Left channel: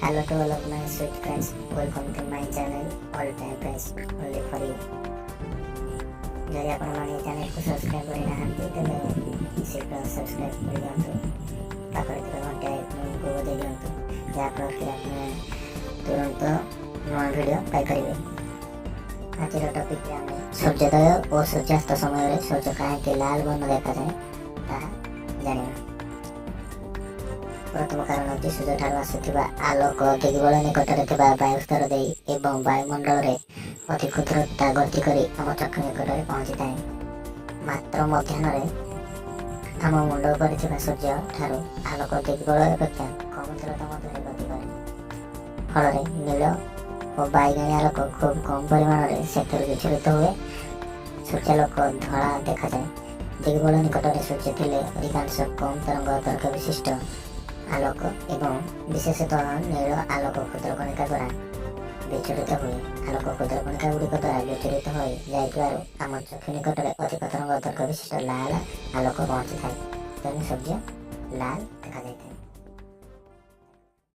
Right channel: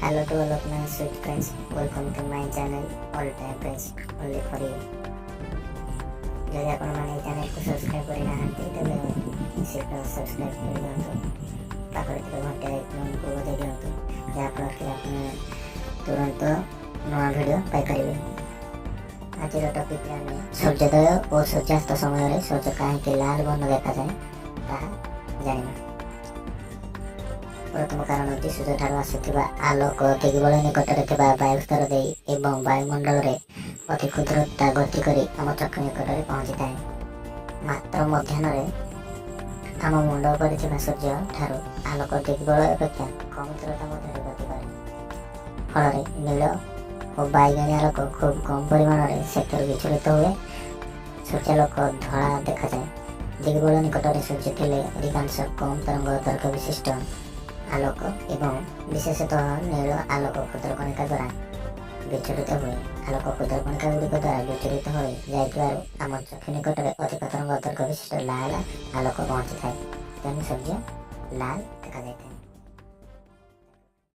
Hello to all of my sweet friends. Welcome to my channel All Time Friends Only for you. ଯଦି ଆପଣମାନେ ଏହି ଚ୍ୟାନେଲକୁ subscribe କରିନାହାନ୍ତି ତେବେ ଶୀଘ୍ର ସବସ୍କ୍ରାଇବ୍ କରିଦିଅନ୍ତୁ। ପାଖରେ ଥିବା ଘଣ୍ଟା ଆଇକନ୍କୁ ବଜାଇ ଦିଅନ୍ତୁ, ଯାହାଫଳରେ କି ଆପଣ ତୁରନ୍ତ ନୂଆ ଭିଡ଼ିଓ ପାଇପାରିବେ। ଆଜିର ଟପିକ୍ରେ ଆମେ ସୂର୍ଯ୍ୟୋଦୟ ଓ ସୂର୍ଯ୍ୟାସ୍ତ ସମୟରେ ସୂର୍ଯ୍ୟ କାହିଁକି ଲାଲ ବର୍ଣ୍ଣ ଦେଖାଯାଏ ତାହା ଜାଣିବା। ପ୍ରଥମ କାରଣ ହେଉଛି ସୂର୍ଯ୍ୟଠାରୁ ଆସୁଥିବା ଆଲୋକ ଦିଗବଳ ନିକଟରେ ଥିବା ବାୟୁସ୍ତର ଦେଇ ଏବଂ ବାୟୁମଣ୍ଡଳରେ ଅତି କ୍ଷୁଦ୍ରତା ଗତି କରି ଆମ ଚକ୍ଷୁ ନିକଟରେ ପହଞ୍ଚିଥାଏ। ମାତ୍ର ମଧ୍ୟାହ୍ନରେ ଆମ ମୁଣ୍ଡ ଉପରେ ଥିବା ସୂର୍ଯ୍ୟ ଠାରୁ ଆଲୋକ ଦିଗବଳ ଅପେକ୍ଷା କମ୍ ଦୂରତା ମଧ୍ୟରେ ଗତି କରେ। ଫଳରେ ନୀଳ ଓ ବାଇଗଣୀ ଆଲୋକ ଖୁବ୍ କମ୍ ପରିମାଣରେ ସେଥିରୁ ବିଚ୍ଛୁରିତ ହୁଏ। ସୂର୍ଯ୍ୟାଲୋକ ଧଳା ଦେଖାଯାଏ। ଦିଗବଳ ନିକଟରେ ସୂର୍ଯ୍ୟ ଥିଲେ ଅଧିକାଂଶ କମ୍ ତରଙ୍ଗ ଦୈର୍ଘ୍ୟ ବିଶିଷ୍ଟ ଆଲୋକ ଏବଂ ବିଶେଷତଃ ନୀଳ ଆଲୋକ କ୍ଷୁଦ୍ରକଣିକା ଦ୍ୱାରା ବିଚ୍ଛୁରିତ ହୁଏ। ଆଲୋକ କ୍ଷୁଦ୍ରକଣିକା ଗୁଡ଼ିକ ଦ୍ୱାରା ବିଚ୍ଛୁରିତ ହୋଇ ଯାଇଥିବାରୁ ଆମ ଚକ୍ଷୁ ନିକଟରେ ଅଧିକ ତରଙ୍ଗ ଦୈର୍ଘ୍ୟ ବିଶିଷ୍ଟ ଲାଲ ଆଲୋକ ପହଞ୍ଚିଥାଏ। ତେଣୁ ସୂର୍ଯ୍ୟ ଲାଲ ଦେଖାଯାଇଥାଏ।